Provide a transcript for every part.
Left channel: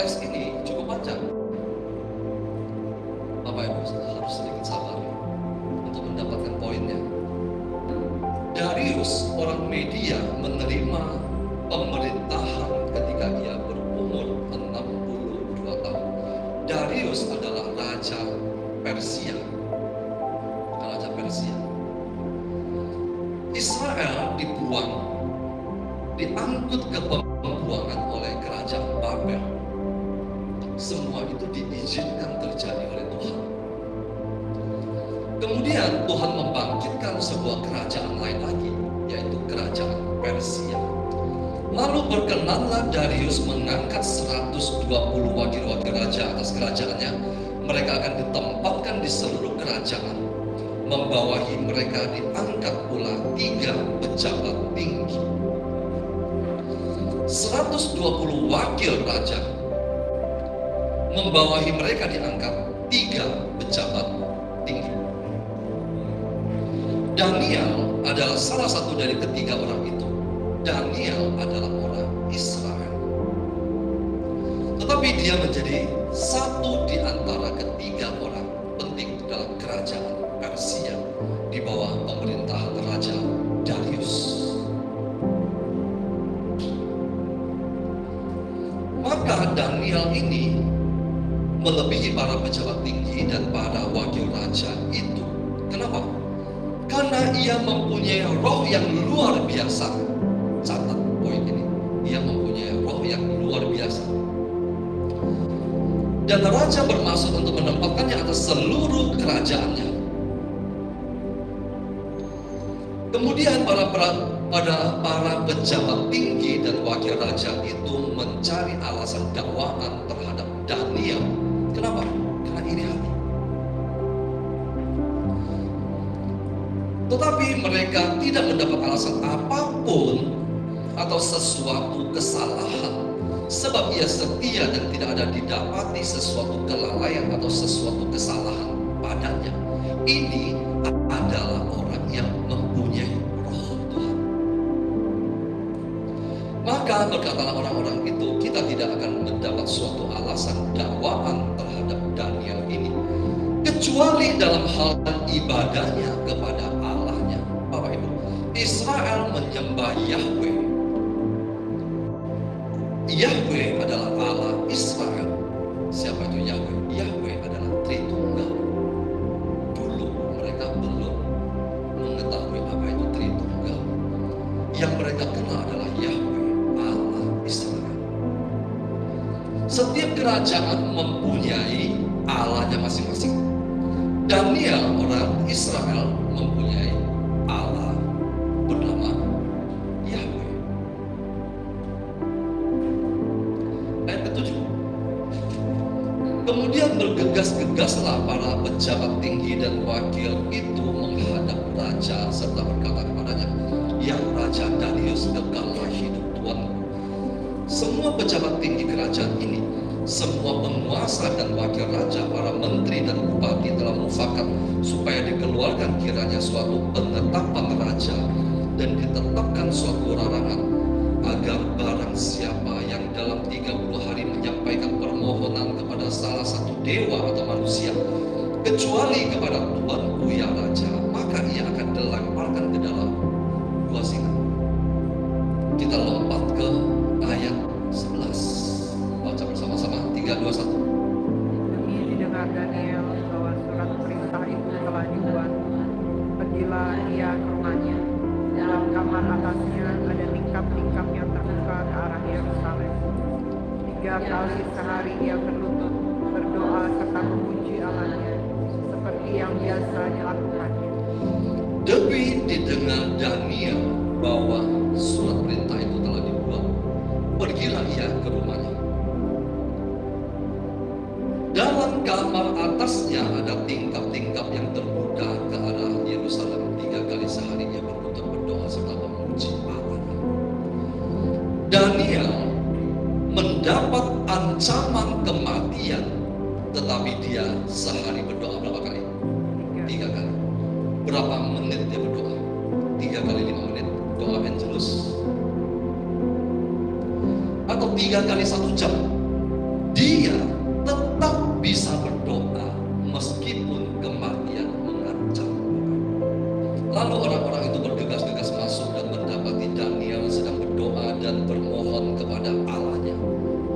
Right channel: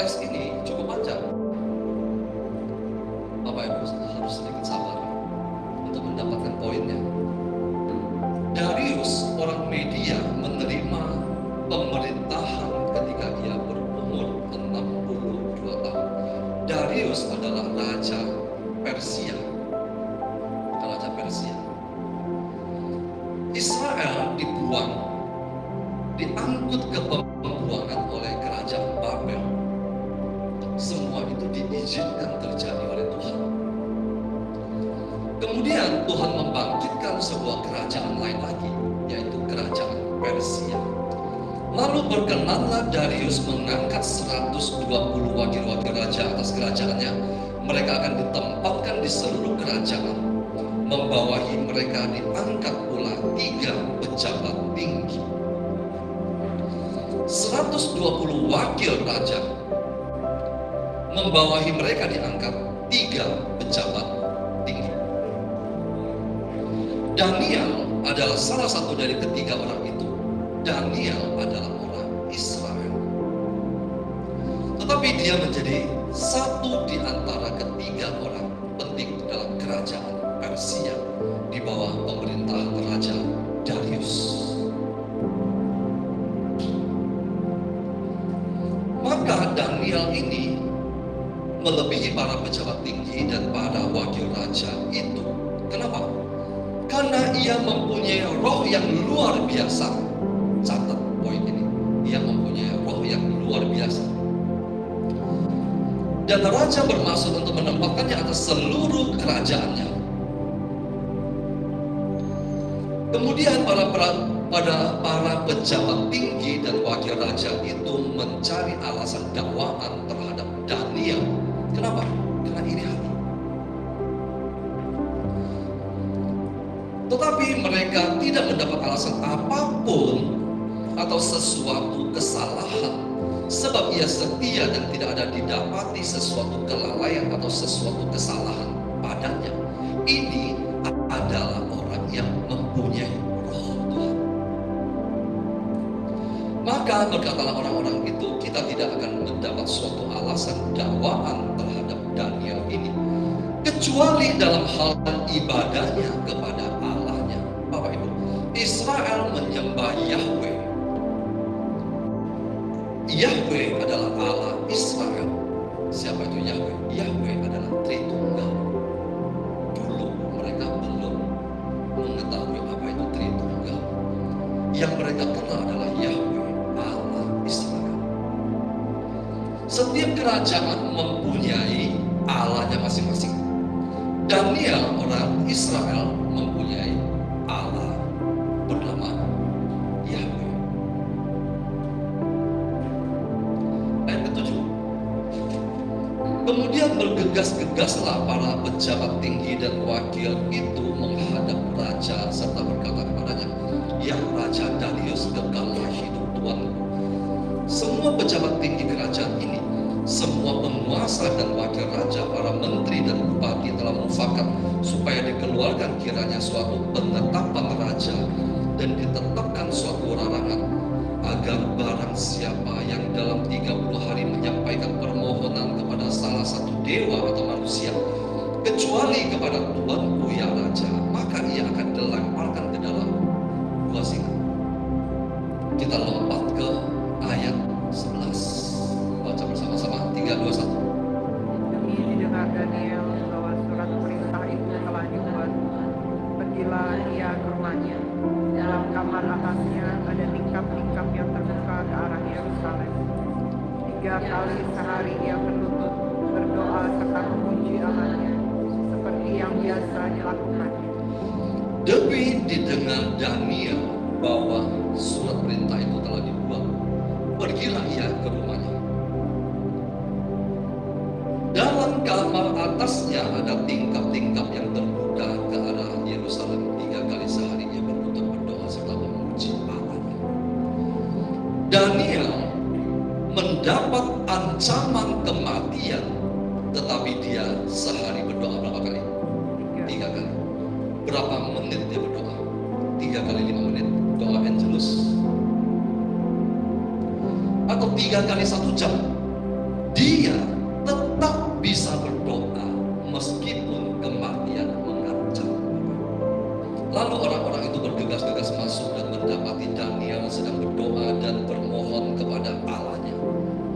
Teks ini cukup panjang. Bapak Ibu harus sedikit sabar untuk mendapatkan poinnya. Darius orang Media menerima pemerintahan ketika ia berumur 62 tahun. Darius adalah raja Persia. Raja Persia. Israel dibuang, diangkut ke pembuangan oleh kerajaan Babel. Semua itu diizinkan terjadi oleh Tuhan. Kemudian Tuhan membangkitkan sebuah kerajaan lain lagi, yaitu kerajaan Persia. Lalu berkenanlah Darius mengangkat 120 wakil-wakil raja atas kerajaannya. Mereka akan ditempatkan di seluruh kerajaan. Membawahi mereka diangkat pula 3 pejabat tinggi. 120 wakil raja, membawahi mereka diangkat 3 pejabat tinggi. Daniel adalah salah satu dari ketiga orang itu. Daniel adalah orang Israel, tetapi dia menjadi satu di antara ketiga orang penting dalam kerajaan Persia di bawah pemerintahan Raja Darius. Maka Daniel ini melebihi para pejabat tinggi dan para wakil raja itu. Kenapa? Karena ia mempunyai roh yang luar biasa. Catat poin ini. Ia mempunyai roh yang luar biasa. Dan raja bermaksud untuk menempatkannya atas seluruh kerajaannya. Kemudian para pejabat tinggi dan wakil raja itu mencari alasan dakwaan terhadap Daniel. Kenapa? Karena iri hati. Tetapi mereka tidak mendapat alasan apapun atau sesuatu kesalahan, sebab ia setia dan tidak ada didapati sesuatu kelalaian atau sesuatu kesalahan padanya. Ini adalah orang yang mempunyai roh Tuhan. Maka berkatalah orang-orang itu, kita tidak akan mendapat suatu alasan dakwaan terhadap Daniel ini, kecuali dalam hal ibadahnya kepada Allahnya. Bapak Ibu, Israel menyembah Yahweh. Yahweh adalah Allah Israel. Siapa itu Yahweh? Yahweh adalah Tritunggal. Dulu mereka belum mengetahui apa itu Tritunggal. Yang mereka kenal adalah Yahweh, Allah Israel. Setiap kerajaan mempunyai Allahnya masing-masing. Daniel orang Israel mempunyai Allah bernama Yahweh. Ayat ke-7. Kemudian bergegas-gegaslah para pejabat tinggi dan wakil itu menghadap raja serta berkata kepadanya, "Ya Raja Darius, kekalah hidup Tuanku. Semua pejabat tinggi kerajaan ini, semua penguasa dan wakil raja, para menteri dan bupati telah mufakat supaya dikeluarkan kiranya suatu penetapan raja dan ditetapkan suatu larangan agar barang siapa yang dalam 30 hari menyampaikan permohonan kepada salah satu dewa atau manusia, kecuali kepada Tuanku ya Raja, maka ia akan dilemparkan ke dalam gua singa." Kita lompat ke ayat 11. Baca bersama-sama, 3, 2, 1. Demi didengar Daniel bahwa surat perintah itu telah dibuat, pergilah ia ke rumahnya. Dalam kamar atasnya ada tingkap-tingkap yang terbuka ke arah Yerusalem. 3 kali sehari ia berlutut, berdoa serta memuji Allahnya, seperti yang biasa dilakukannya. Demi didengar Daniel bahwa surat perintah itu telah dibuat, pergilah ia ke rumahnya. Dalam kamar atasnya ada tingkap-tingkap yang terbuka ke arah Yerusalem. 3 kali sehari ia berlutut berdoa serta memuji Allahnya. Daniel mendapat ancaman kematian, tetapi dia sehari berdoa berapa kali? 3 kali. Berapa menit dia berdoa? 3 kali 5 menit. Doa Angelus. Atau 3 kali 1 jam. dia tetap bisa berdoa meskipun kematian mengancam. Lalu orang-orang itu bergegas-gegas masuk dan mendapati Daniel sedang berdoa dan bermohon kepada Allahnya.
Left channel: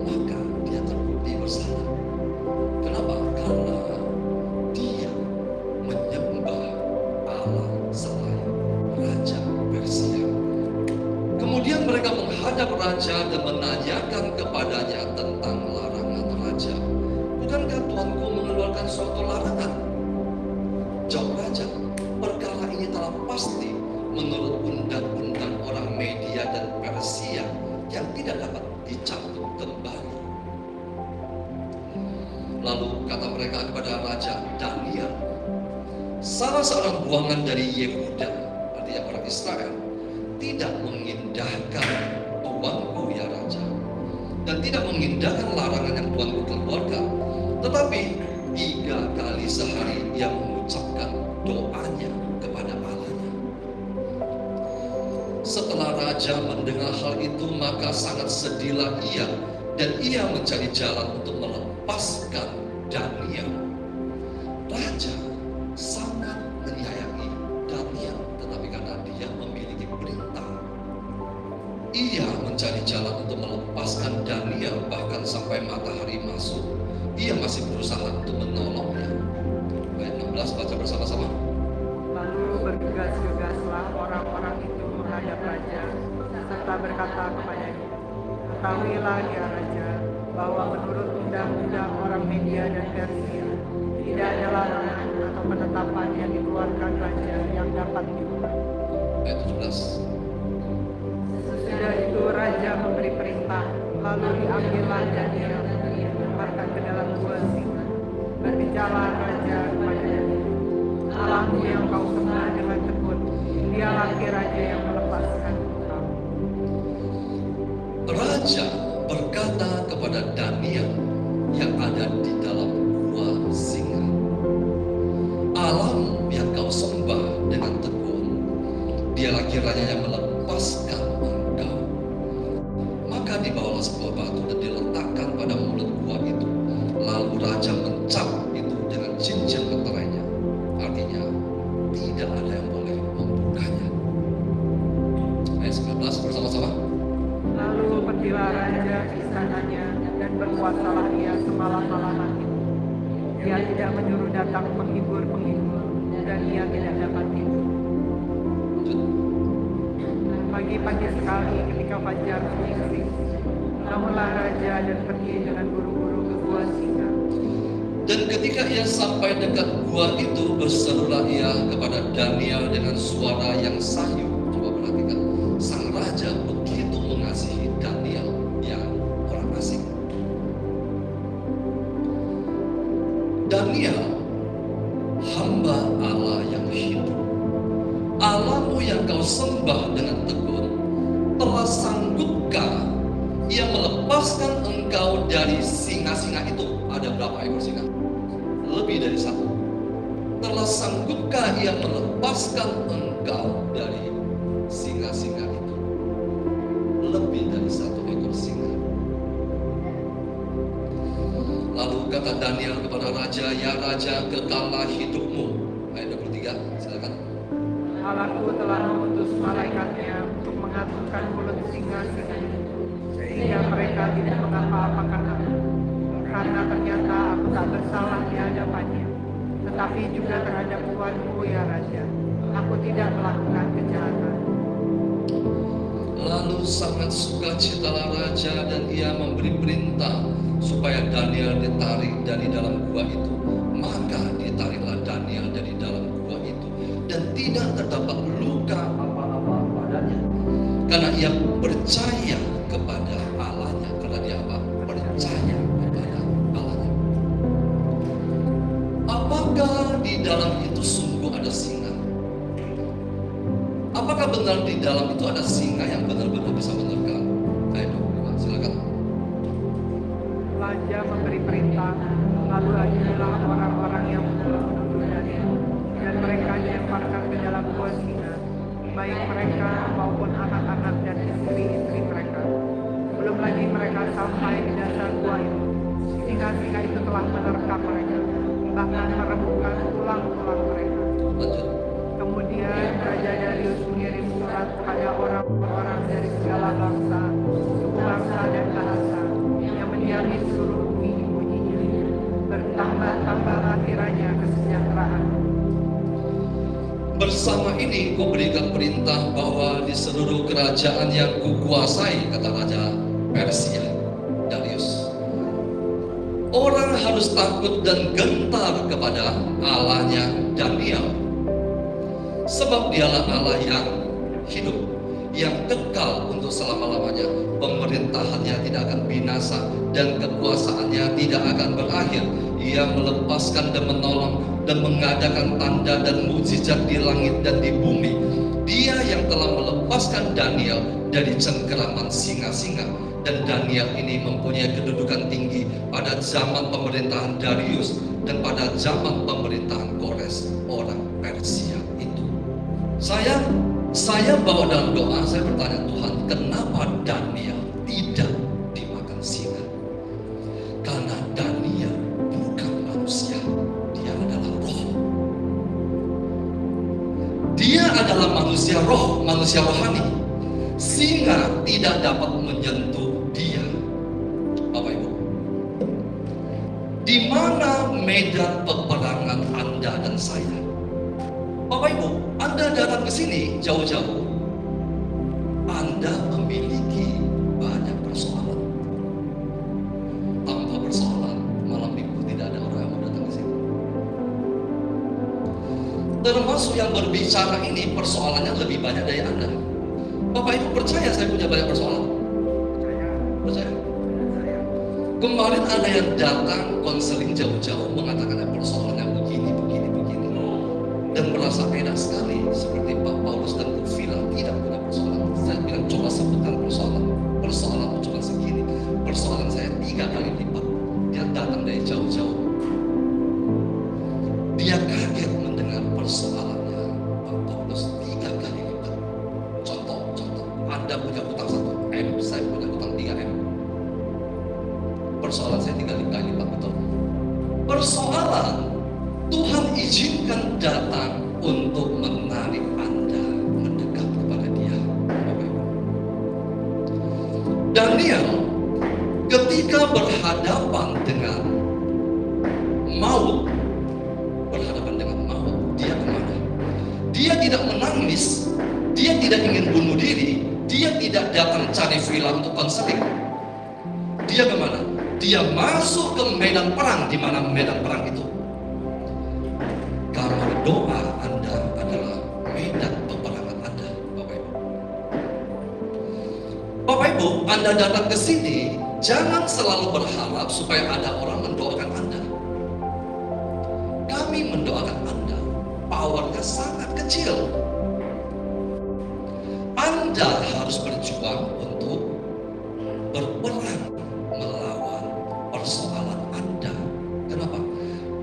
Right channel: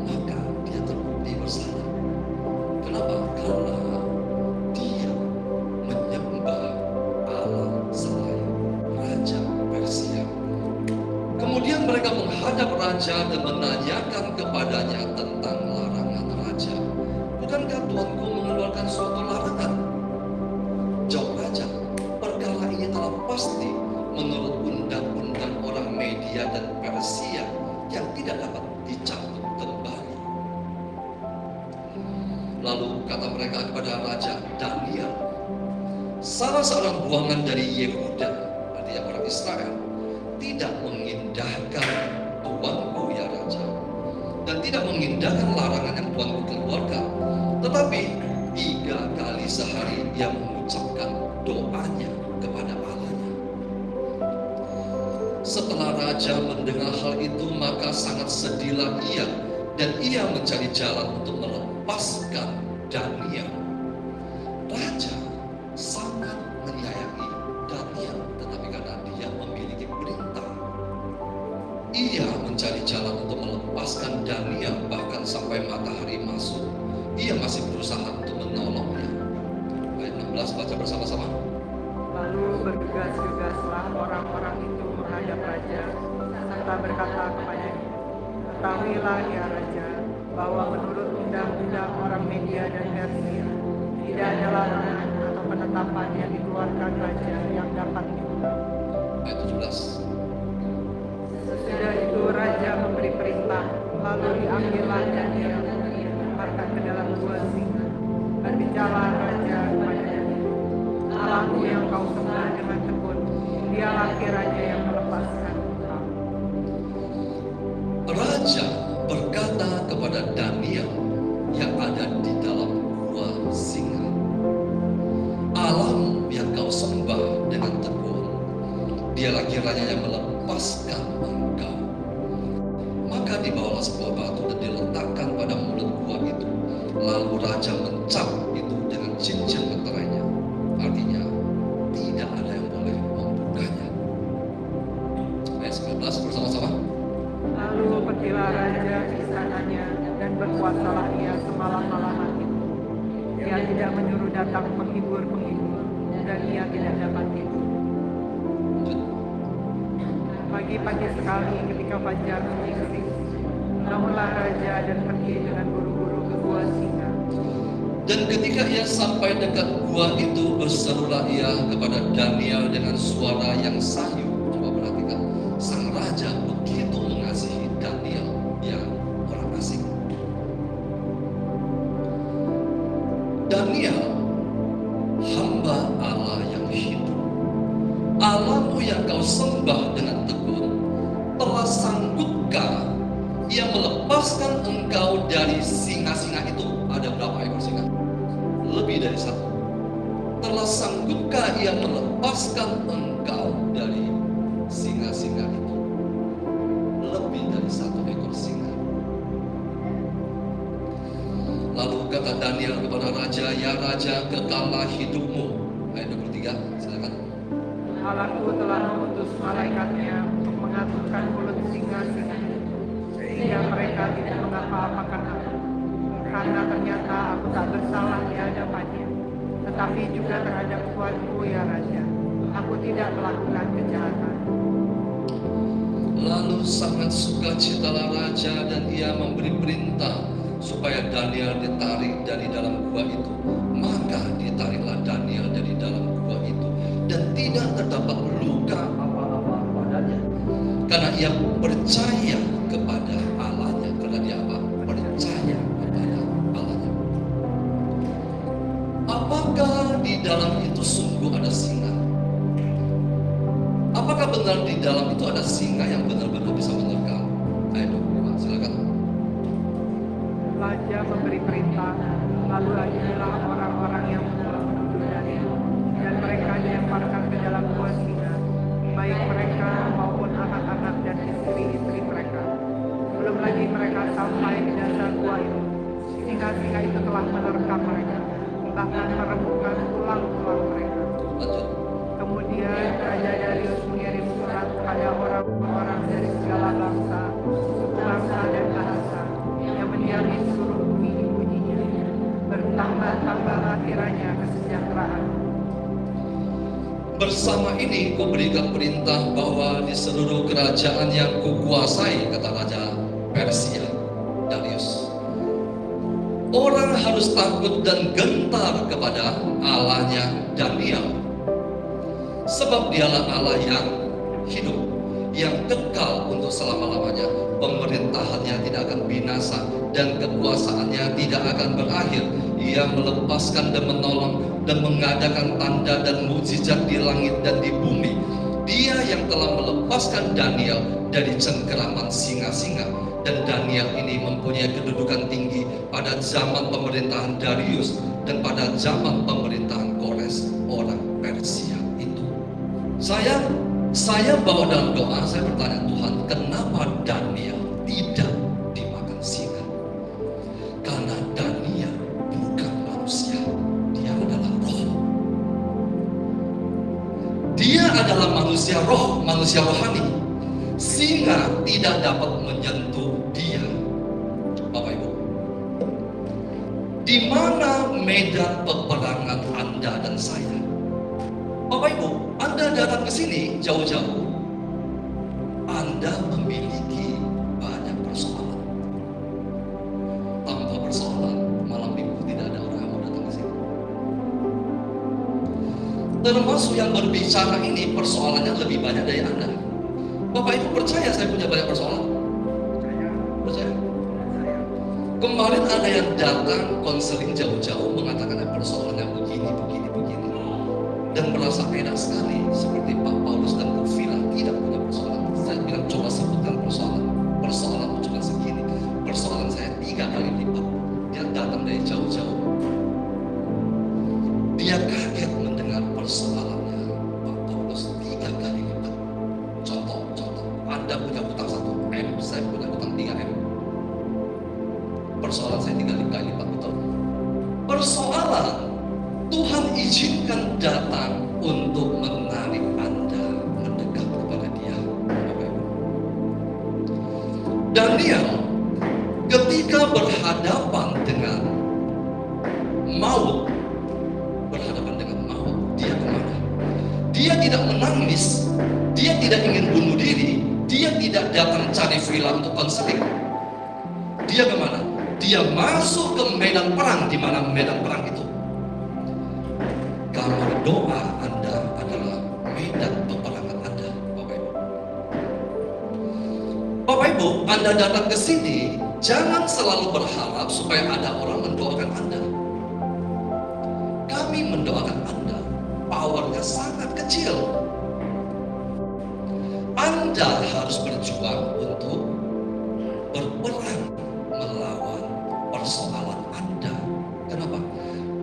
Maka dia terbukti bersalah. Kenapa? Karena dia menyembah Allah selain Raja Persia. Kemudian mereka menghadap raja dan menanyakan kepadanya tentang larangan raja. Bukankah Tuanku mengeluarkan suatu larangan? Jawab raja, perkara ini telah pasti menurut undang-undang orang Media dan Persia yang tidak dapat dicabut kembali. Lalu kata mereka kepada Raja Daniel, salah seorang buangan dari Yehuda, artinya orang Israel, tidak mengindahkan Tuanku ya Raja, dan tidak mengindahkan larangan yang Tuanku keluarkan, tetapi 3 kali sehari ia mengucapkan doanya kepada Allahnya. Setelah raja mendengar hal itu, maka sangat sedihlah ia, dan ia mencari jalan untuk melepaskan Daniel. Raja sangat menyayangi Daniel, tetapi karena dia memiliki perintah, ia mencari jalan untuk melepaskan Daniel. Bahkan sampai matahari masuk, ia masih berusaha untuk menolongnya. Ayat 16 baca bersama-sama. Lalu bergegas-gegaslah orang-orang itu menghadap raja, serta berkata kepadanya, ketahuilah ya raja, bahwa menurut undang-undang orang Media dan Persia, tidak ada larangan atau penetapan yang dikeluarkan raja yang dapat diubah. Ayat 17. Sesudah itu raja memberi perintah, lalu diambillah Daniel, dilemparkan ke dalam gua singa. Berbicara raja kepadanya, Allahmu yang kau sembah dengan tekun, dialah raja yang melepaskan engkau. Raja berkata kepada Daniel yang ada di dalam gua singa, Allahmu yang kau sembah dengan tekun, dialah kiranya yang melepaskan engkau. Maka dibawalah sebuah batu dan diletakkan pada mulut gua itu. Lalu raja mencap itu dengan cincin meterainya. Artinya tidak ada yang boleh membukanya. Ayat 19 bersama-sama. Lalu pergilah raja ke istananya dan berpuasalah ia semalam-malaman itu. Dia tidak menyuruh datang penghibur-penghibur, dan ia tidak dapat tidur. Pagi-pagi sekali ketika fajar menyingsing, bangunlah raja dan pergi dengan buru-buru ke gua singa. Dan ketika ia sampai dekat gua itu, berserulah ia kepada Daniel dengan suara yang sayu. Coba perhatikan, sang raja begitu mengasihi Daniel yang orang asing. Daniel, hamba Allah yang hidup, Allahmu yang kau sembah dengan tekun, telah sanggupkah ia melepaskan engkau dari singa-singa itu? Ada berapa ekor singa? Lebih dari 1. Telah sanggupkah ia melepaskan engkau dari singa-singa itu? Lebih dari 1 ekor singa. Lalu kata Daniel kepada raja, ya raja, kekallah hidupmu. Ayat 23, silakan. Allahku telah mengutus malaikatnya untuk mengatupkan mulut singa-singa itu, sehingga mereka tidak mengapa-apakan aku. Karena ternyata aku tak bersalah di hadapannya, tetapi juga terhadap Tuanku ya Raja. Aku tidak melakukan kejahatan. Lalu sangat sukacitalah raja, dan ia memberi perintah supaya Daniel ditarik dari dalam gua itu. Maka ditariklah Daniel dari dalam gua itu, dan tidak terdapat luka apa-apa padanya, karena ia percaya kepada Allahnya. Karena dia apa? Percaya kepada Allahnya. Apakah di dalam itu sungguh ada singa? Apakah benar di dalam itu ada singa yang benar-benar bisa menerkam? Ayat 25, silakan. Raja memberi perintah, lalu hadirlah orang-orang yang menuduh Daniel, dan mereka dilemparkan ke dalam gua singa, baik mereka maupun anak-anak dan istri-istri mereka. Belum lagi mereka sampai di dasar gua itu, singa-singa itu telah menerkam mereka, bahkan meremukkan tulang-tulang mereka. Lanjut. Kemudian Raja Darius mengirim surat kepada orang-orang dari segala bangsa, suku bangsa dan bahasa yang mendiami seluruh bumi bunyinya. Bertambah-tambahlah kiranya kesejahteraan. Bersama ini kuberikan perintah bahwa di seluruh kerajaan yang kukuasai, kata Raja Persia Darius, orang harus takut dan gentar kepada Allahnya Daniel, sebab dialah Allah yang hidup, yang kekal untuk selama-lamanya. Pemerintahannya tidak akan binasa dan kekuasaannya tidak akan berakhir. Ia melepaskan dan menolong dan mengadakan tanda dan mukjizat di langit dan di bumi. Dia yang telah melepaskan Daniel dari cengkeraman singa-singa. Dan Daniel ini mempunyai kedudukan tinggi pada zaman pemerintahan Darius dan pada zaman pemerintahan Kores, orang Persia itu. Saya bawa dalam doa, saya bertanya, Tuhan, kenapa Daniel tidak dimakan singa? Karena Daniel bukan manusia, dia adalah roh. Dia adalah manusia roh, manusia rohani. Singa tidak dapat menyentuh dia. Bapak Ibu, di mana medan peperangan Anda dan saya? Bapak Ibu, Anda datang ke sini jauh-jauh, Anda memiliki banyak persoalan. Tanpa persoalan, malam minggu tidak ada orang yang mau datang ke sini. Termasuk yang berbicara ini, persoalannya lebih banyak dari Anda. Bapak Ibu percaya saya punya banyak persoalan? Percaya? Kemarin ada yang datang konseling jauh-jauh mengatakan persoalannya begini. Dan merasa enak sekali, seperti Pak Paulus dan Bu Vila tidak punya persoalan. Saya bilang, coba sebutkan persoalan. Persoalanmu cuma segini. Persoalan saya 3 kali lipat. Dia datang dari jauh-jauh. Dia kaget mendengar persoalannya Pak Paulus 3 kali lipat. Contoh, Anda punya hutang 1 M, saya punya hutang 3 M. Persoalan saya 3 kali lipat, betul. Persoalan Tuhan izinkan datang untuk menarik Anda mendekat kepada Dia. Daniel ketika berhadapan dengan maut, dia kemana? Dia tidak menangis, dia tidak ingin bunuh diri, dia tidak datang cari villa untuk konseling. Dia kemana? Dia masuk ke medan perang. Di mana medan perang itu? Kamar doa Anda adalah medan peperangan Anda, Bapak Ibu. Bapak Ibu, Anda datang ke sini, jangan selalu berharap supaya ada orang mendoakan Anda. Kami mendoakan Anda, powernya sangat kecil. Anda harus berjuang untuk berperang melawan persoalan Anda. Kenapa?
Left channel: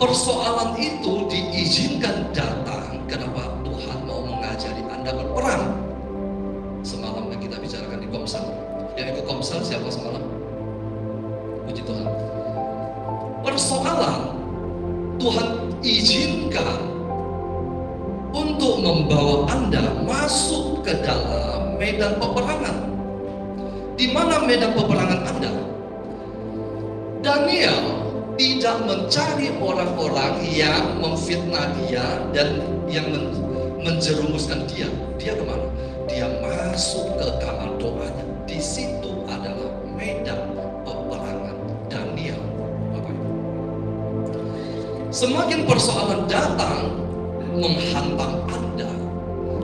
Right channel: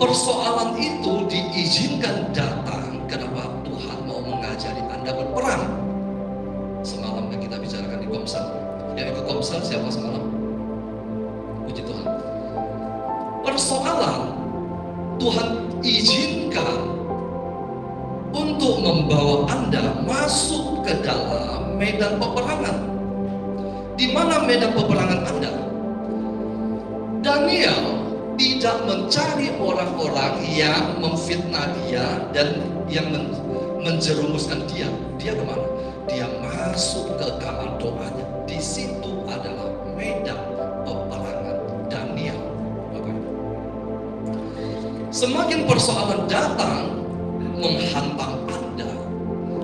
Persoalan itu diizinkan datang. Kenapa? Tuhan mau mengajari Anda berperang. Semalam yang kita bicarakan di Komsel, yang ikut Komsel siapa semalam? Puji Tuhan. Persoalan Tuhan izinkan untuk membawa Anda masuk ke dalam medan peperangan. Di mana medan peperangan Anda? Daniel tidak mencari orang-orang yang memfitnah dia dan yang menjerumuskan dia. Dia kemana? Dia masuk ke kamar doanya. Di situ adalah medan peperangan Daniel. Semakin persoalan datang menghantam Anda,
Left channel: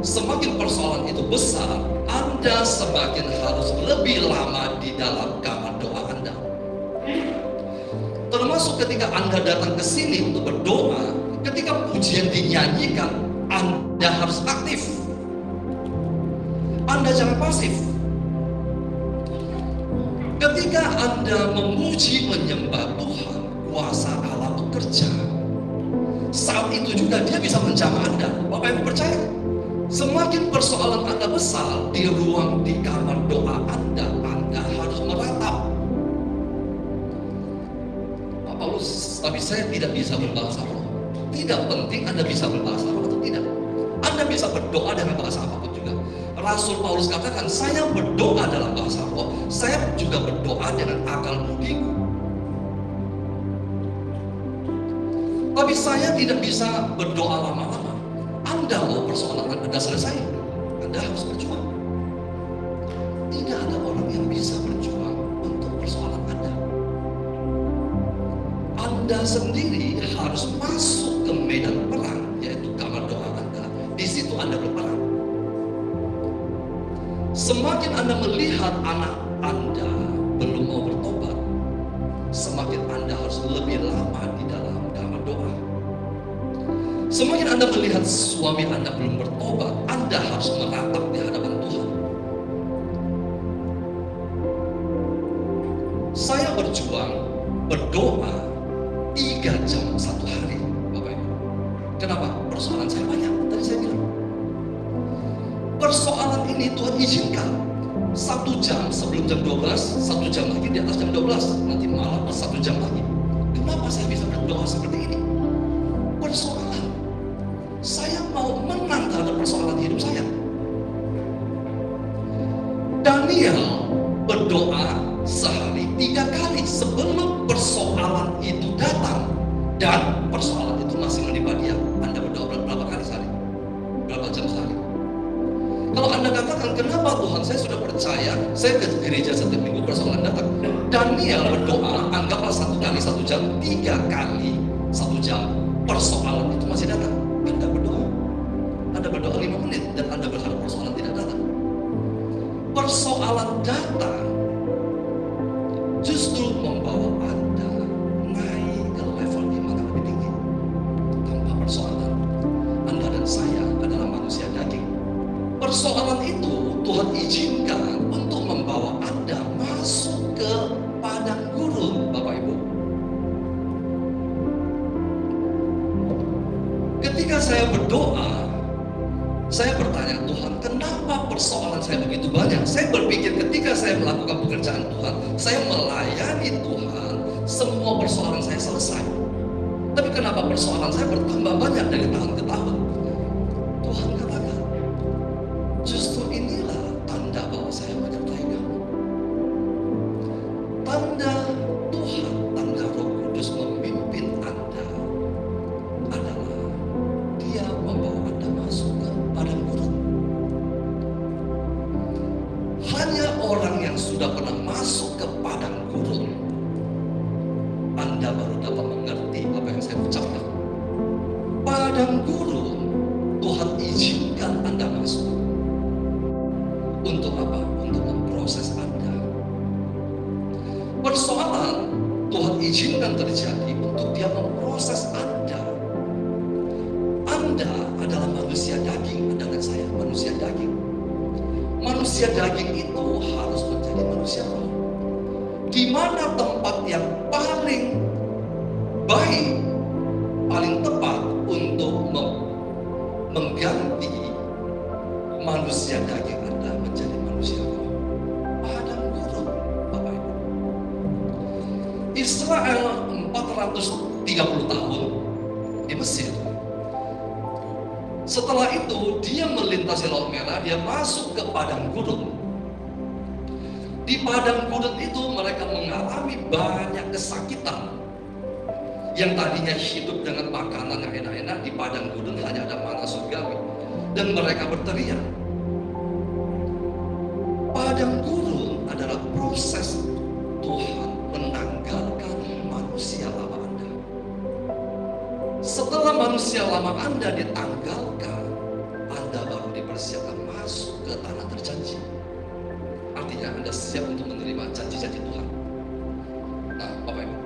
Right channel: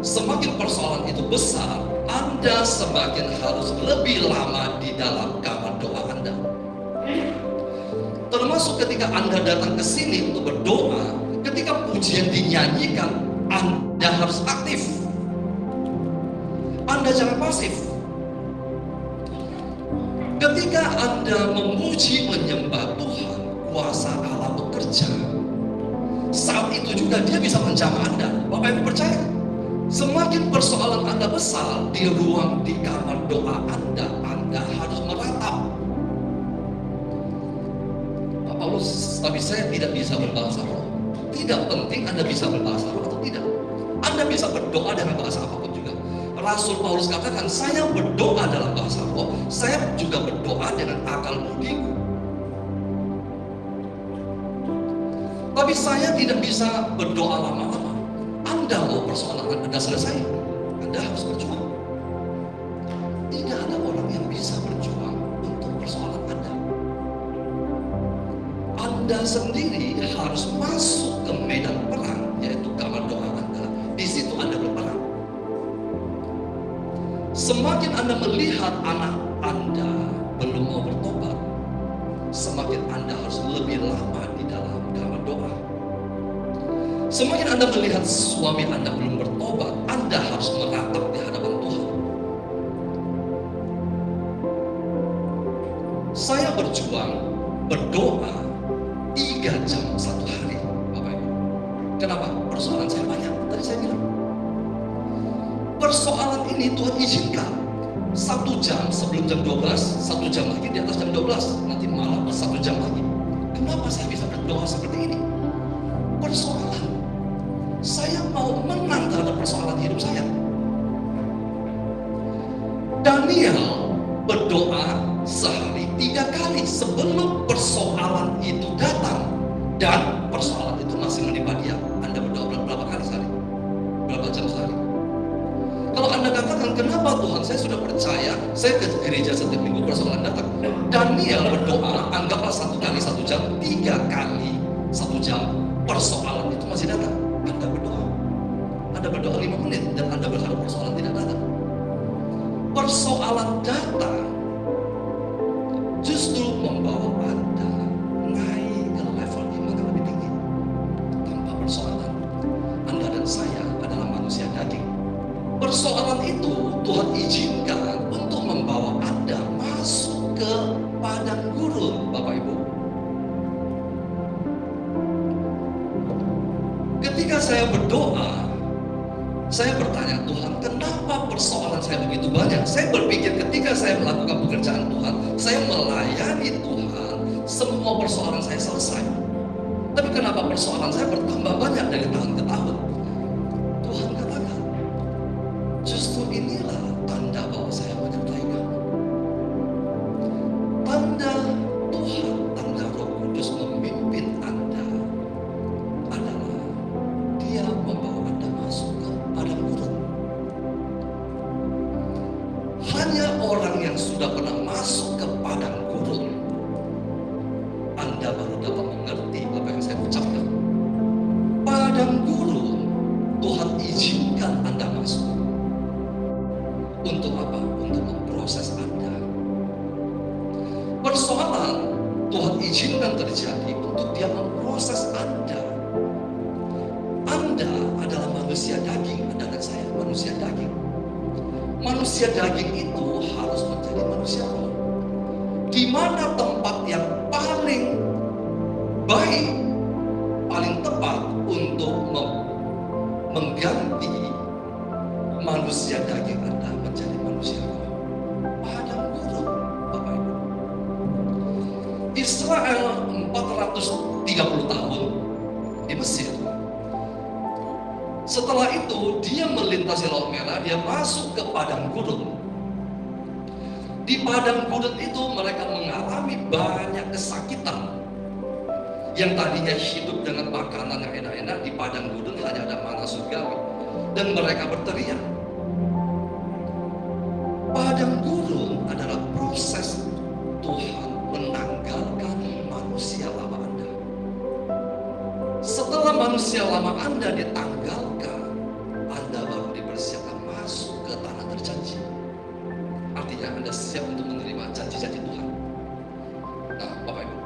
semakin persoalan itu besar, Anda semakin harus lebih lama di dalam kamar doa Anda. Termasuk ketika Anda datang ke sini untuk berdoa, ketika pujian dinyanyikan, Anda harus aktif. Anda jangan pasif. Ketika Anda memuji menyembah Tuhan, kuasa Allah bekerja. Saat itu juga Dia bisa menjamah Anda. Bapak Ibu percaya? Semakin persoalan Anda besar, di ruang di kamar doa Anda harus meratap. Paulus, tapi saya tidak bisa berbahasa roh. Tidak penting Anda bisa berbahasa roh atau tidak. Anda bisa berdoa dengan bahasa apapun juga. Rasul Paulus katakan, saya berdoa dalam bahasa roh, saya juga berdoa dengan akal budiku. Tapi saya tidak bisa berdoa lama-lama. Anda mau persoalan Anda selesai, Anda harus berjuang. Tidak ada orang yang bisa berjuang untuk persoalan Anda. Anda sendiri harus masuk ke medan perang, yaitu kamar doa Anda. Di situ Anda berperang. Semakin Anda melihat anak Anda belum mau bertobat, semakin Anda harus lebih lama di dalam kamar doa. Semakin Anda melihat suami Anda belum bertobat, Anda harus meratap di hadapan Tuhan. Saya berjuang, berdoa 3 jam satu hari, Bapak Ibu. Kenapa? Persoalan saya banyak. Tadi saya bilang, persoalan ini Tuhan izinkan 1 jam sebelum jam 12, 1 jam lagi di atas jam 12, nanti malam 1 jam lagi. Kenapa saya bisa berdoa seperti ini? Persoalan. Saya mau menang terhadap persoalan hidup saya. Daniel berdoa sehari 3 kali sebelum persoalan itu datang, dan persoalan itu masih menimpa dia. Anda berdoa berapa kali sehari? Berapa jam sehari? Kalau Anda katakan, kenapa Tuhan, saya sudah percaya, saya ke gereja setiap minggu, persoalan datang. Daniel berdoa, anggaplah 1 kali 1 jam, 3 kali 1 jam, persoalan itu masih datang. Anda berdoa. Anda berdoa 5 menit, dan Anda berharap persoalan tidak datang. Persoalan datang justru membawa Anda naik ke level iman yang lebih tinggi. Tanpa persoalan, Anda dan saya adalah manusia daging. Persoalan itu Tuhan izinkan untuk membawa Anda masuk ke padang gurun, Bapak Ibu. Ketika saya berdoa, saya bertanya, Tuhan, kenapa persoalan saya begitu banyak? Saya berpikir ketika saya melakukan pekerjaan Tuhan, saya melayani Tuhan, semua persoalan saya selesai. Tapi kenapa persoalan saya bertambah banyak dari tahun ke tahun? Tuhan katakan, justru inilah tanda bahwa saya menyertai kamu. Tanda Tuhan, tanda Roh Kudus memimpin Anda adalah Dia membawa Anda masuk ke padang gurun. Hanya orang yang sudah pernah masuk ke padang gurun, Anda baru dapat mengerti apa yang saya ucapkan. Padang gurun Tuhan izinkan Anda masuk. Untuk apa? Untuk memproses Anda. Persoalan Tuhan izinkan terjadi untuk Dia memproses Anda. Anda adalah manusia daging, Anda dan saya manusia daging. Manusia daging itu harus menjadi manusia roh. Di mana tempat yang paling baik, paling tepat untuk mengganti manusia daging Anda menjadi manusia roh? Padang gurun, Bapak Ibu. Israel 430 tahun di Mesir. Setelah itu dia melintasi Laut Merah, dia masuk ke padang gurun. Di padang gurun itu mereka mengalami banyak kesakitan. Yang tadinya hidup dengan makanan yang enak-enak, di padang gurun hanya ada mana surgawi. Dan mereka berteriak. Padang gurun adalah proses Tuhan menanggalkan manusia lama Anda. Setelah manusia lama Anda ditanggalkan, Anda baru dipersiapkan masuk ke tanah terjanji. Artinya Anda siap untuk menerima janji-janji Tuhan. Nah, Bapak Ibu,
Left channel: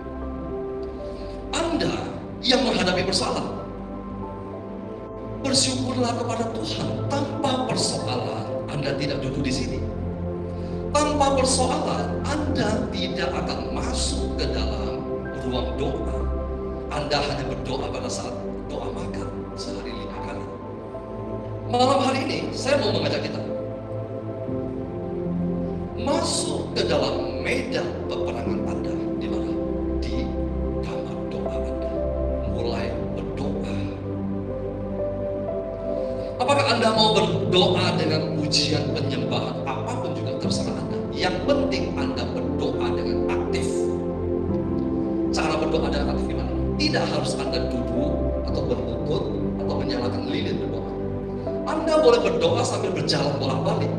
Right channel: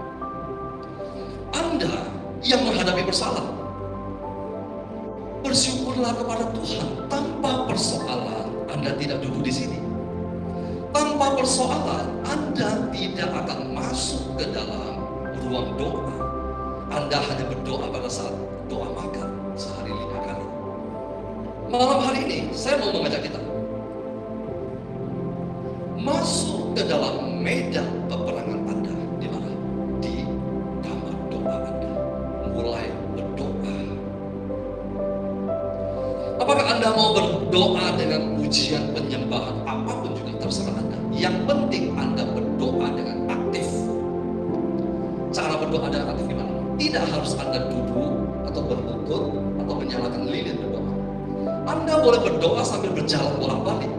Anda yang menghadapi persoalan, bersyukurlah kepada Tuhan. Tanpa persoalan, Anda tidak duduk di sini. Tanpa persoalan, Anda tidak akan masuk ke dalam ruang doa. Anda hanya berdoa pada saat doa makan sehari 5 kali. Malam hari ini, saya mau mengajak kita masuk ke dalam medan peperangan Anda. Di mana? Di kamar Anda mau berdoa dengan pujian penyembahan apapun juga terserah Anda. Yang penting Anda berdoa dengan aktif. Cara berdoa dengan aktif gimana? Tidak harus Anda duduk atau berlutut atau menyalakan lilin berdoa. Anda boleh berdoa sambil berjalan bolak-balik.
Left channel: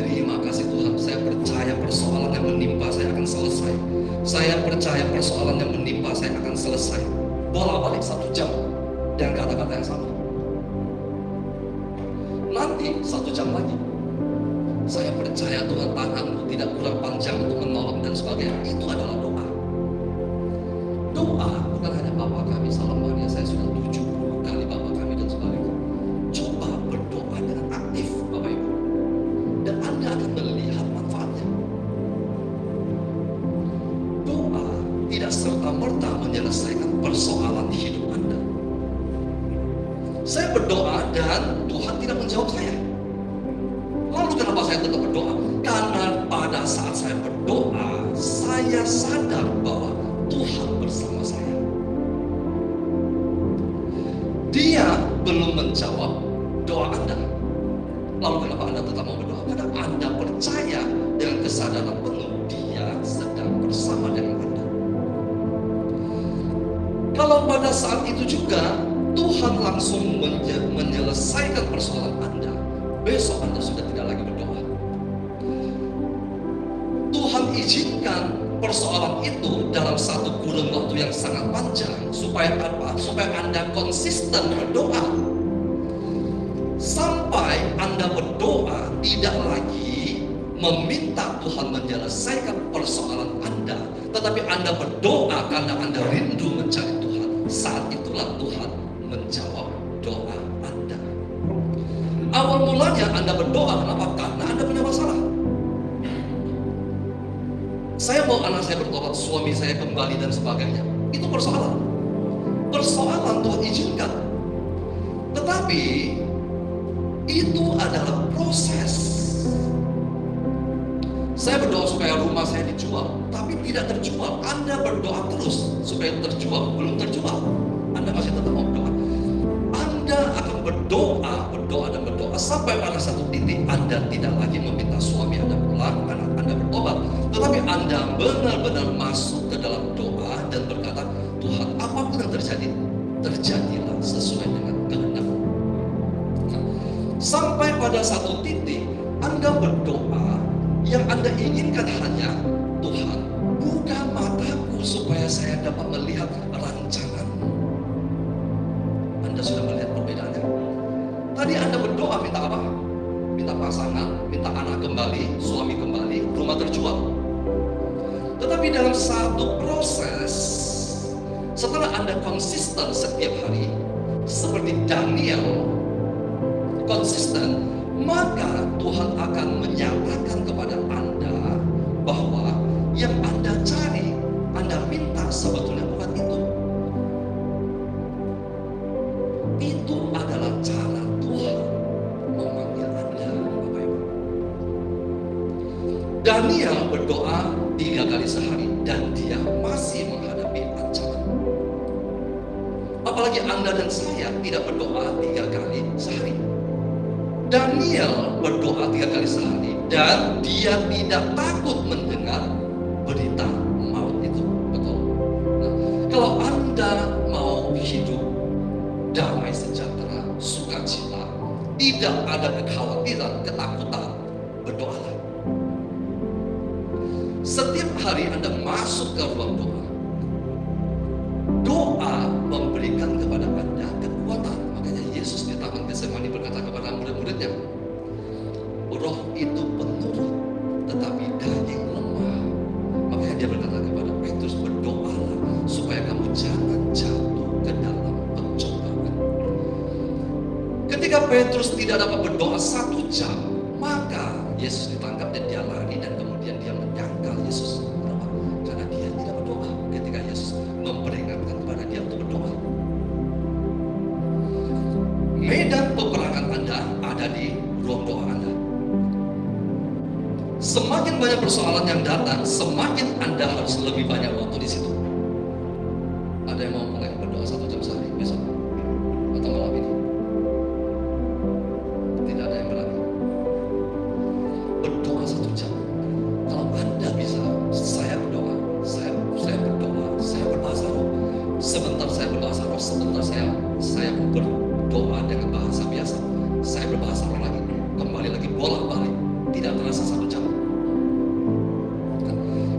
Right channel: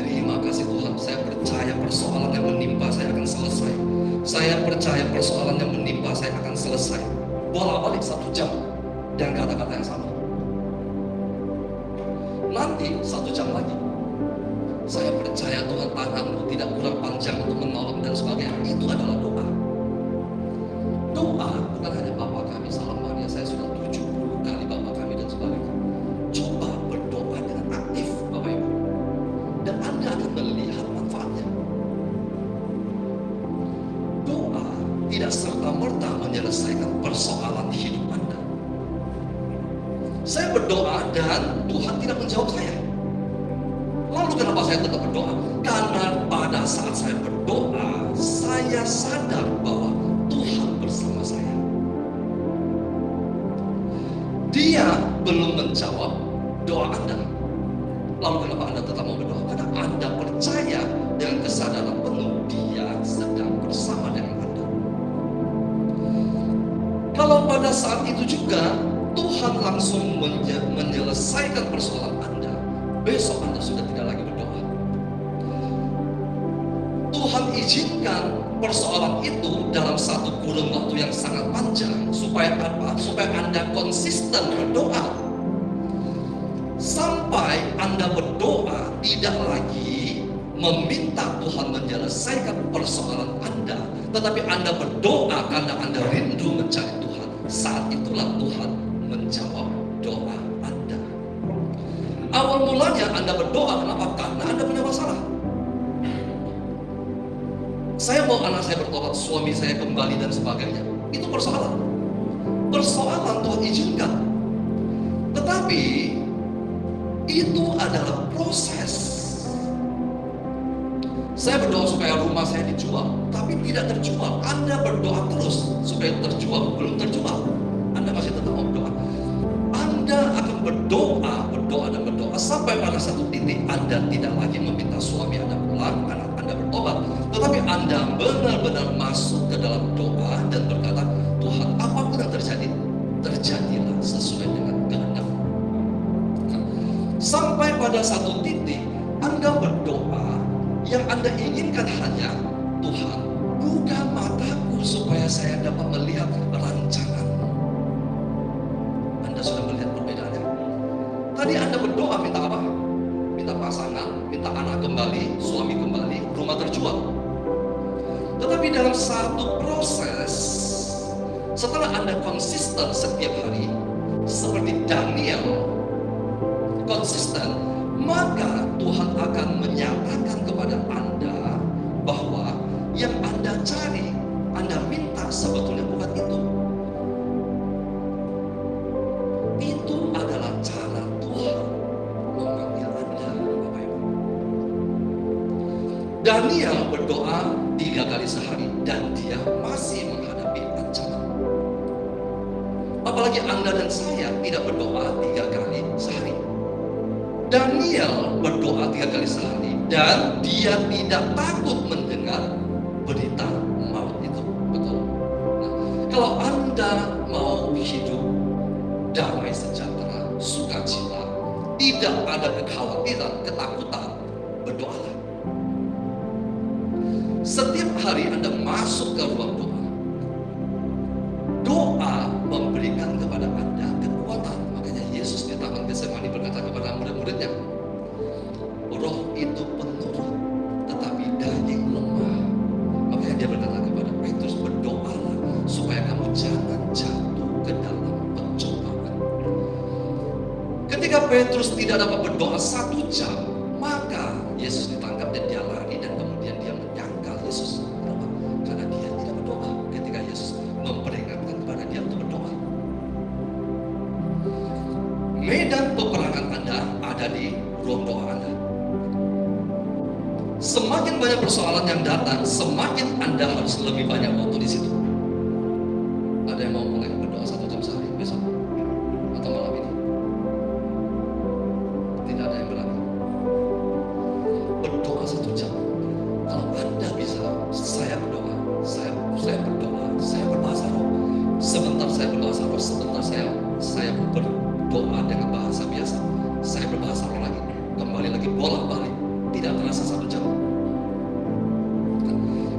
Terima kasih Tuhan, saya percaya persoalan yang menimpa saya akan selesai. Saya percaya persoalan yang menimpa saya akan selesai. Bolak-balik 1 jam dengan kata-kata yang sama. Nanti 1 jam lagi, saya percaya Tuhan tanganmu tidak kurang panjang untuk menolong dan sebagainya. Itu adalah doa. Doa bukan hanya Bapa kami salam Maria, saya sudah 70 kali Bapa kami dan sebagainya. Coba berdoa dengan aktif Bapak Ibu, dan Anda akan melihat manfaatnya. Doa tidak serta-merta menyelesaikan persoalan hidup Anda. Saya berdoa dan Tuhan tidak menjawab saya. Lalu kenapa saya tetap berdoa? Karena pada saat saya berdoa, saya sadar bahwa Tuhan bersama saya. Dia belum menjawab doa Anda. Lalu kenapa Anda tetap mau berdoa? Karena Anda percaya dengan kesadaran penuh Dia sedang bersama dengan Anda. Kalau pada saat itu juga Tuhan langsung menyelesaikan persoalan Anda, besok Anda sudah tidak lagi berdoa. Tuhan izinkan persoalan itu dalam satu kurun waktu yang sangat panjang supaya apa? Supaya Anda konsisten berdoa. Sampai Anda berdoa tidak lagi meminta Tuhan menyelesaikan persoalan Anda, tetapi Anda berdoa karena Anda rindu mencari Tuhan. Saat itulah Tuhan menjawab doa Anda. Awal mulanya Anda berdoa, kenapa? Karena Anda punya masalah. Saya mau anak saya bertobat, suami saya kembali dan sebagainya. Itu persoalan. Persoalan Tuhan izinkan. Tetapi itu adalah proses. Saya berdoa supaya rumah saya dijual, tapi tidak terjual. Anda berdoa terus supaya terjual, belum terjual. Anda masih tetap mau berdoa. Anda akan berdoa dan berdoa sampai pada satu titik Anda tidak lagi meminta suami Anda pulang, anak Anda bertobat, tetapi Anda benar-benar masuk ke dalam doa dan berkata, Tuhan, apapun yang terjadi, terjadilah sesuai dengan kehendak. Nah, sampai pada satu titik Anda berdoa, yang Anda inginkan hanya, Tuhan, buka mataku supaya saya dapat melihat rancangan-Mu. Anda sudah melihat perbedaannya. Tadi Anda berdoa minta apa? Minta pasangan, minta anak kembali, suami kembali, rumah terjual. Tetapi dalam satu proses, setelah Anda konsisten setiap hari, seperti Daniel konsisten, maka Tuhan akan menyatakan kepada Anda bahwa yang Anda cari, Anda minta sebetulnya bukan itu. Itu adalah cara Tuhan memanggil Anda, Bapak Ibu. Daniel berdoa 3 kali sehari dan dia masih menghadapi ancaman. Apalagi Anda dan saya tidak berdoa 3 kali sehari. Daniel berdoa 3 kali sehari dan dia tidak takut mendengar berita maut itu. Betul. Nah, kalau Anda mau hidup damai sejahtera, sukacita, tidak ada kekhawatiran, ketakutan, berdoalah. Setiap hari Anda masuk ke ruang doa, doa memberikan kepada Anda kekuatan. Makanya Yesus di Taman Getsemani berkata kepada murid-muridnya, roh itu penurut, tetapi daging lemah. Makanya dia berkata kepada Petrus, berdoalah supaya kamu jangan jatuh ke dalam pencobaan. Ketika Petrus tidak dapat berdoa 1 jam, maka Yesus ditangkap dan dia lari, dan kemudian dia menyangkal Yesus. Kenapa? Karena dia tidak berdoa ketika Yesus memperingatkan kepada dia untuk berdoa. Medan peperangan Anda ada di ruang doa Anda. Semakin banyak persoalan yang datang, semakin Anda harus lebih banyak waktu di situ. Ada yang mau mulai berdoa 1 jam sehari besok atau malam ini? Sebentar saya berbahasa roh, sebentar saya berdoa dengan bahasa biasa. Saya berbahasa roh lagi, kembali lagi bolak-balik, tidak terasa 1 jam.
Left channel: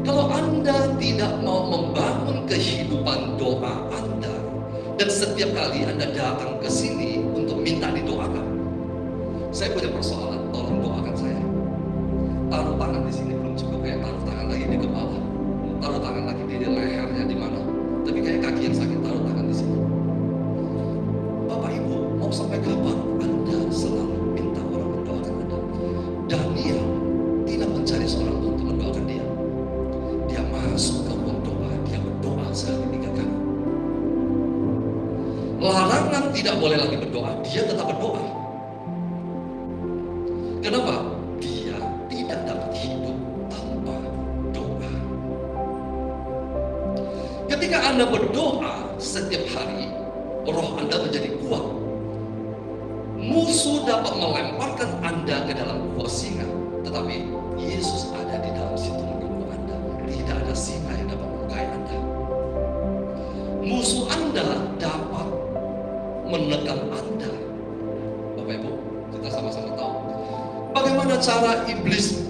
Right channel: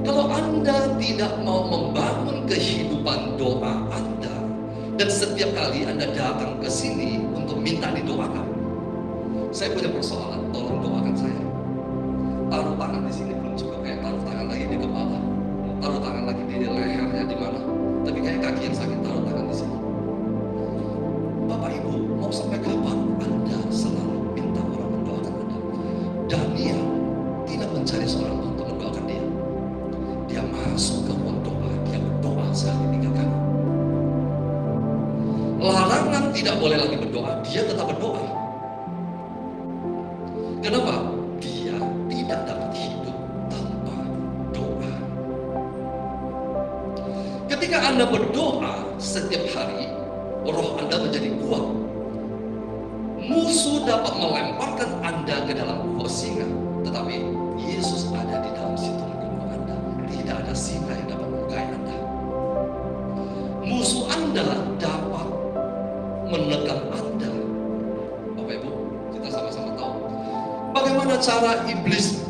Kalau Anda tidak mau membangun kehidupan doa Anda, dan setiap kali Anda datang ke sini untuk minta didoakan, saya punya persoalan, tolong doakan saya. Taruh tangan di sini belum cukup, kayak taruh tangan lagi di kepala, taruh tangan lagi di lehernya, di mana? Tapi kayak kaki yang sakit, taruh tangan di sini. Bapak Ibu, mau sampai kapan Anda selalu minta orang mendoakan Anda? Daniel tidak mencari seorang untuk mendoakan dia. Dia masuk ke ruang doa, dia berdoa sehari 3 kali. Larangan tidak boleh lagi berdoa, dia tetap berdoa. Kenapa? Dia tidak dapat hidup tanpa doa. Ketika Anda berdoa setiap hari, roh Anda menjadi kuat. Musuh dapat melemparkan Anda ke dalam gua singa, tetapi Yesus ada di dalam situ menunggu Anda. Tidak ada singa yang dapat melukai Anda. Musuh Anda dapat menekan Anda. Bapak Ibu, kita sama-sama tahu bagaimana cara iblis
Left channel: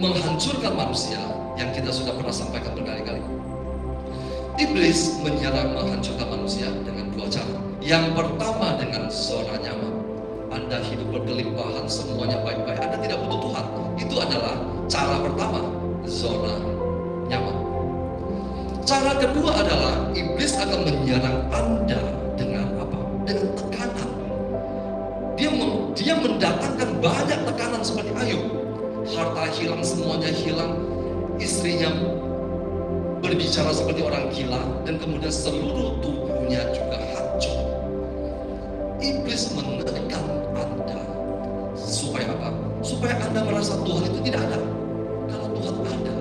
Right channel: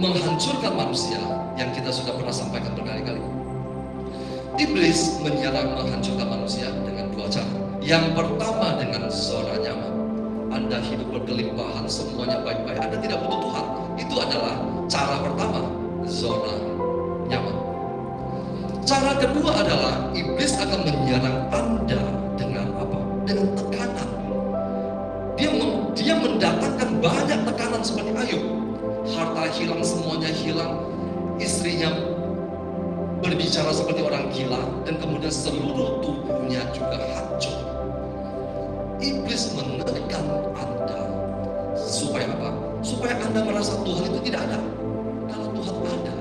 menghancurkan manusia yang kita sudah pernah sampaikan berkali-kali. Iblis menyerang menghancurkan manusia dengan 2 cara. Yang pertama dengan zona nyaman. Anda hidup berkelimpahan, semuanya baik-baik, Anda tidak butuh Tuhan. Itu adalah cara pertama, zona nyaman. Cara kedua adalah iblis akan menyerang Anda dengan apa? Dengan tekanan. Dia mendatangkan banyak tekanan seperti Ayub. Harta hilang, semuanya hilang, istrinya berbicara seperti orang gila, dan kemudian seluruh tubuhnya juga hancur. Iblis menekan Anda supaya apa? Supaya Anda merasa Tuhan itu tidak ada. Kalau Tuhan ada,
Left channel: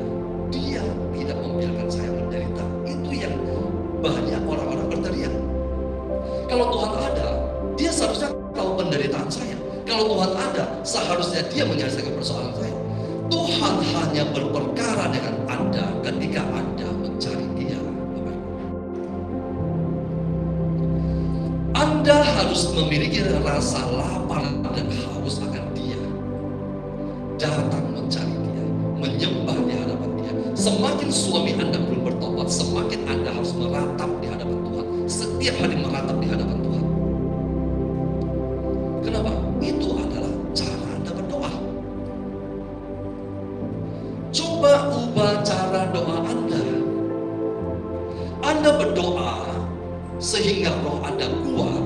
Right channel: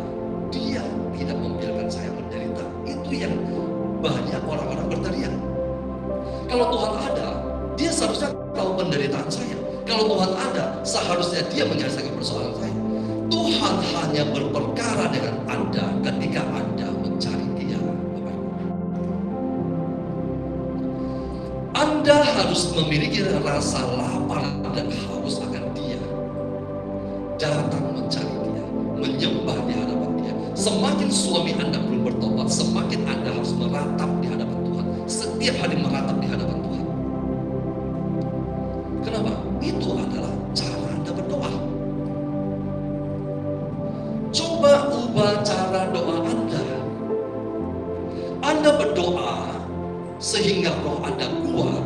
Dia tidak membiarkan saya menderita. Itu yang banyak orang-orang berteriak. Kalau Tuhan ada, Dia seharusnya tahu penderitaan saya. Kalau Tuhan ada, seharusnya Dia menyelesaikan persoalan saya. Tuhan hanya berperkara dengan Anda ketika Anda mencari Dia. Anda harus memiliki rasa lapar dan haus akan Dia. Datang mencari Dia, menyembah di hadapan Dia. Semakin suami Anda belum bertobat, semakin Anda harus meratap di hadapan Tuhan. Setiap hari meratap di hadapan Tuhan. Kenapa? Itu adalah cara Anda berdoa. Coba ubah cara doa Anda. Anda berdoa sehingga roh Anda kuat.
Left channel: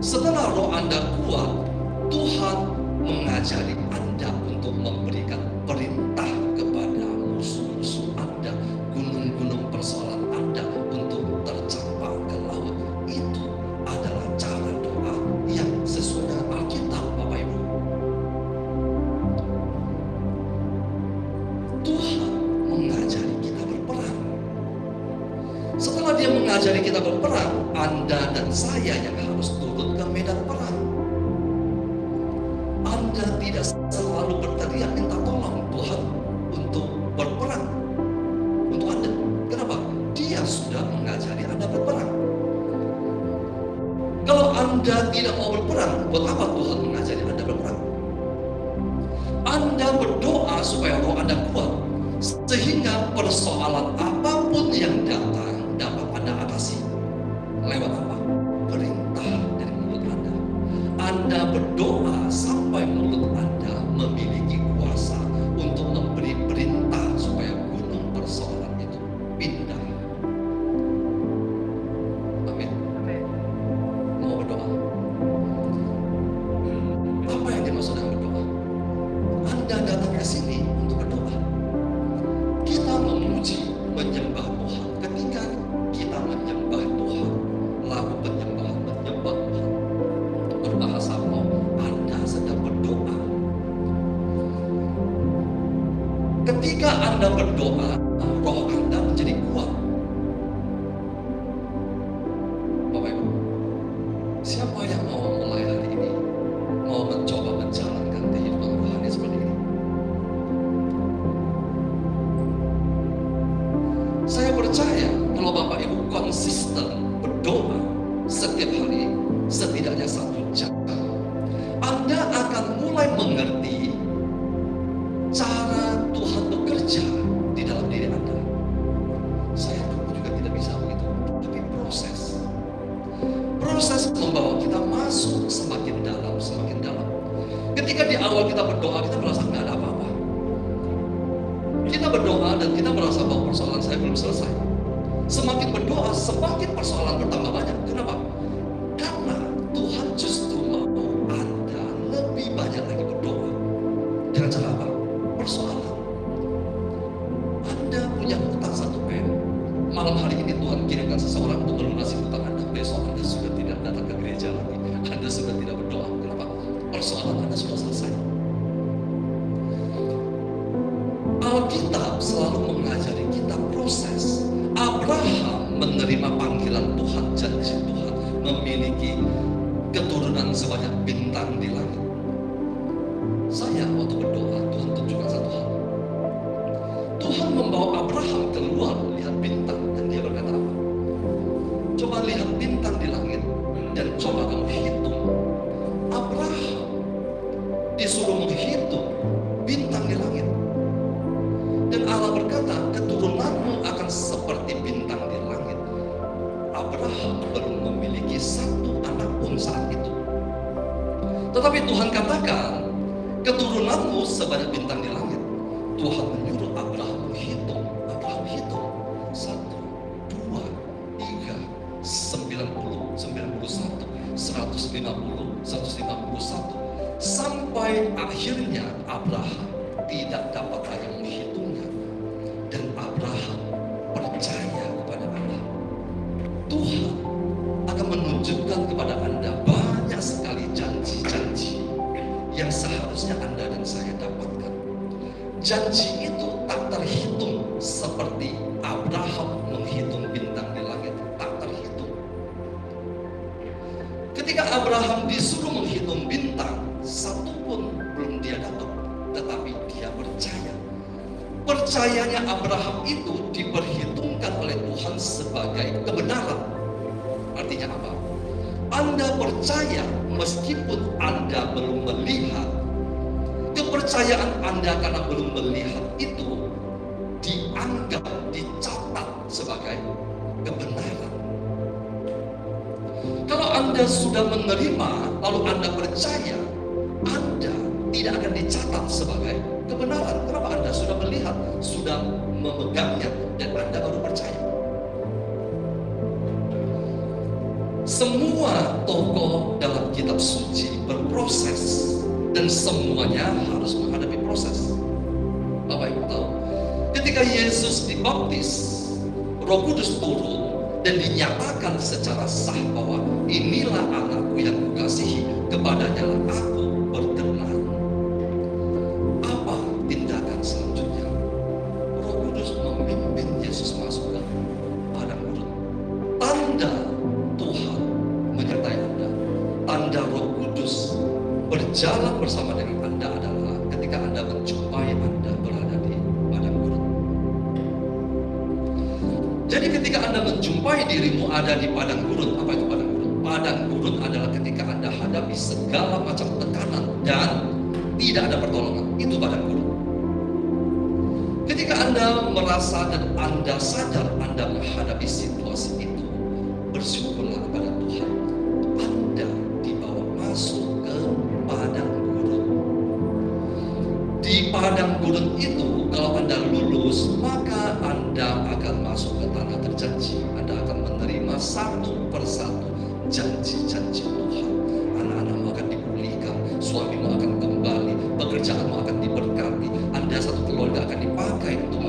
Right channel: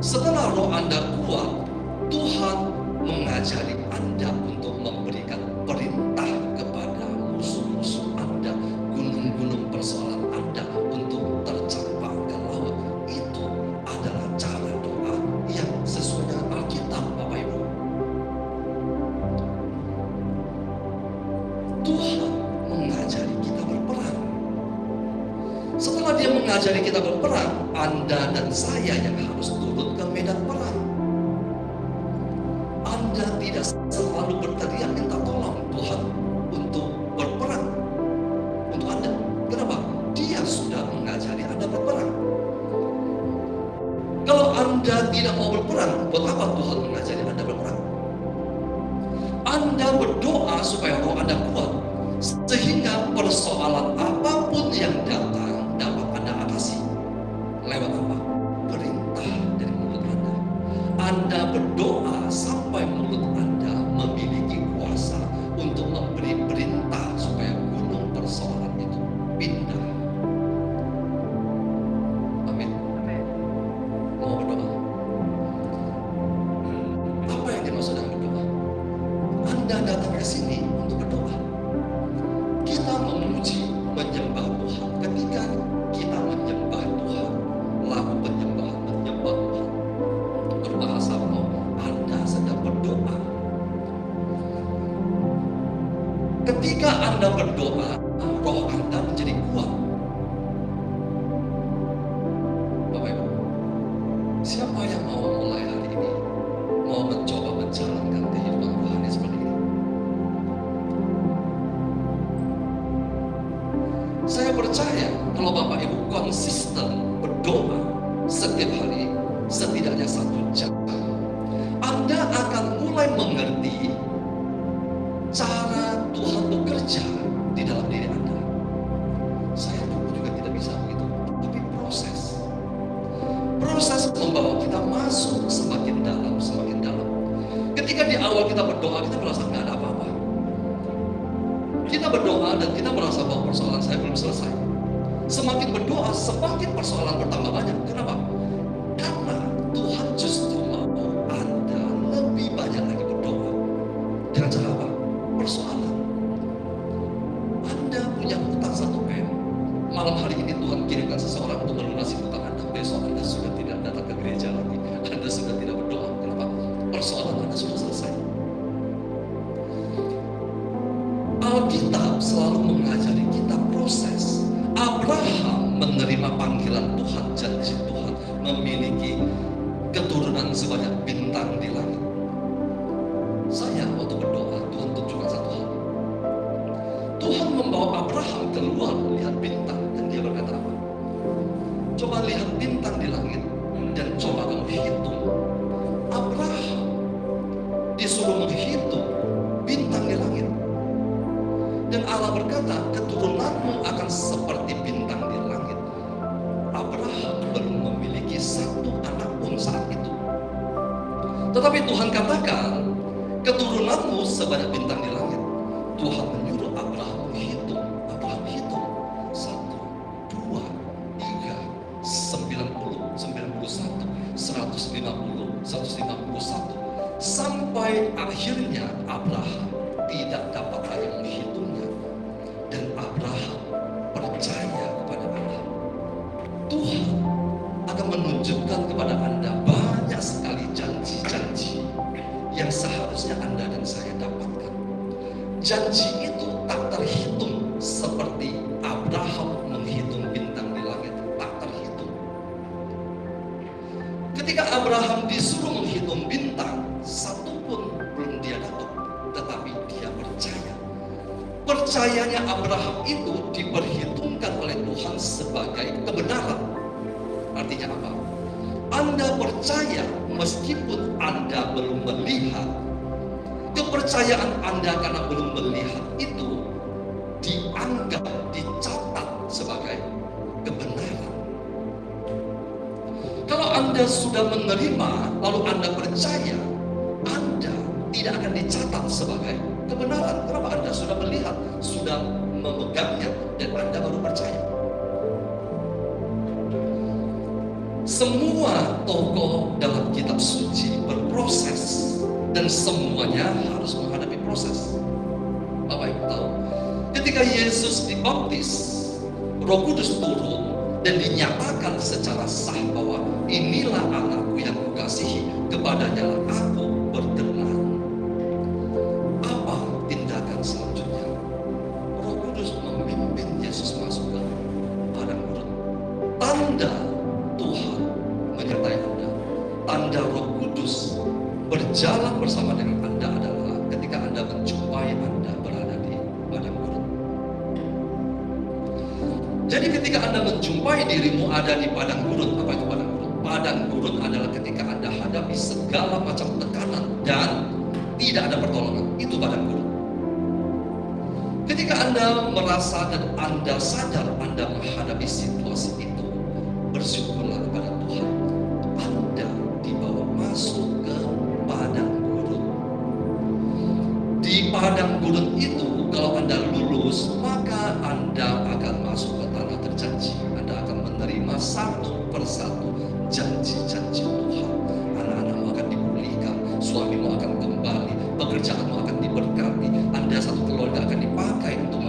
Setelah roh Anda kuat, Tuhan mengajari Anda untuk memberikan perintah kepada musuh-musuh Anda, gunung-gunung persoalan Anda untuk tercampak ke laut. Itu adalah cara doa yang sesuai dengan Alkitab, Bapak Ibu. Tuhan mengajari kita berperang. Setelah Dia mengajari kita berperang, Anda dan saya yang harus turun ke medan perang. Anda tidak selalu berteriak minta tolong Tuhan untuk berperang untuk Anda. Kenapa? Dia sudah mengajari Anda berperang. Kalau Anda tidak mau berperang, buat apa Tuhan mengajari Anda berperang? Anda berdoa supaya roh Anda kuat, sehingga persoalan apapun yang datang dapat Anda atasi. Lewat apa? Perintah dari mulut Anda. Anda berdoa sampai mulut Anda memiliki kuasa untuk memberi perintah supaya gunung persoalan itu pindah. Amin. Amin. Mau berdoa? Apa yang dimaksud dengan berdoa? Anda datang ke sini untuk berdoa. Kita memuji, menyembah Tuhan. Ketika kita menyembah Tuhan, lagu penyembahan, menyembah Tuhan, berbahasa roh, Anda sedang berdoa. Ketika Anda berdoa, roh Anda menjadi kuat. Bapak Ibu, siapa yang mau mulai hari ini, mau mencoba menjalankan kehidupan rohani seperti ini? Saya percaya kalau Bapak Ibu konsisten setiap hari, setidaknya 1 jam, Anda akan mulai mengerti cara Tuhan bekerja di dalam diri Anda. Saya dulu juga tidak bisa begitu, tapi proses membawa kita masuk semakin dalam, semakin dalam. Ketika di awal kita berdoa, kita merasa nggak ada apa-apa. Kita berdoa dan kita merasa bahwa persoalan saya belum selesai. Semakin berdoa, semakin persoalan bertambah banyak. Kenapa? Karena Tuhan justru mau Anda lebih banyak lagi berdoa. Dengan cara apa? Persoalan. Anda punya hutang 1 M. Malam hari ini Tuhan kirimkan seseorang untuk melunasi hutang Anda. Besok Anda sudah tidak datang ke gereja lagi. Anda sudah tidak berdoa. Kenapa? Persoalan Anda sudah selesai. Alkitab selalu mengajari kita proses. Abraham menerima panggilan Tuhan, janji Tuhan, memiliki keturunan sebanyak bintang di langit. Saya waktu berdoa, Tuhan tunjukkan satu hal. Tuhan membawa Abraham keluar lihat bintang, dan dia berkata apa? Coba lihat bintang di langit dan coba kamu hitung. Abraham disuruh menghitung bintang di langit. Dan Allah berkata, keturunanmu akan seperti bintang di langit. Abraham belum memiliki 1 anak pun saat itu. Tetapi Tuhan katakan, keturunanmu sebanyak bintang di langit. Tuhan menyuruh Abraham menghitung. Abraham hitung. 1, 2, 3, 90, 91, 150, 151. Sampai akhirnya Abraham tidak dapat lagi menghitungnya. Dan Abraham percaya kepada Allah. Tuhan akan menunjukkan kepada Anda banyak sekali janji-janji yang seharusnya Anda dan saya dapatkan. Janji itu tak terhitung seperti Abraham menghitung bintang di langit, tak terhitung. Ketika Abraham disuruh menghitung bintang, 1 pun belum dia dapat, tetapi dia percaya. Percayanya Abraham itu diperhitungkan oleh Tuhan sebagai kebenaran. Artinya apa? Anda percaya meskipun Anda belum melihat. Kepercayaan Anda karena belum melihat itu dianggap, dicatat sebagai kebenaran. Kalau Anda sudah menerima, lalu Anda percaya, Anda tidak akan dicatat sebagai kebenaran. Kenapa? Anda sudah melihat, sudah memegangnya, dan Anda baru percaya. Semua tokoh dalam kitab suci berproses, dan semuanya harus menghadapi proses. Bapak Ibu tahu, ketika Yesus dibaptis, Roh Kudus turun dan dinyatakan secara sah bahwa inilah anakku yang kukasihi, kepadanya lah aku berkenan. Apa tindakan selanjutnya? Roh Kudus memimpin Yesus masuk ke padang gurun. Tanda Tuhan menyertai Anda, tanda Roh Kudus berjalan bersama dengan Anda adalah ketika Anda menjumpai Anda berada di padang gurun. Jadi ketika Anda menjumpai dirimu ada di padang gurun, apa itu padang gurun? Padang gurun adalah ketika Anda hadapi segala macam tekanan dan tidak ada pertolongan. Itu padang gurun. Ketika Anda merasa dan Anda sadar Anda menghadapi situasi itu, bersyukurlah kepada Tuhan. Anda dibawa masuk ke padang gurun. Di padang gurun itu, kalau Anda lulus, maka Anda akan masuk ke tanah terjanji. Anda akan menerima 1 persatu janji-janji Tuhan. Anak-anakmu akan dipulihkan, suamimu akan kembali, pekerjaanmu akan diberkati, Anda satu keluarga akan dipakai untuk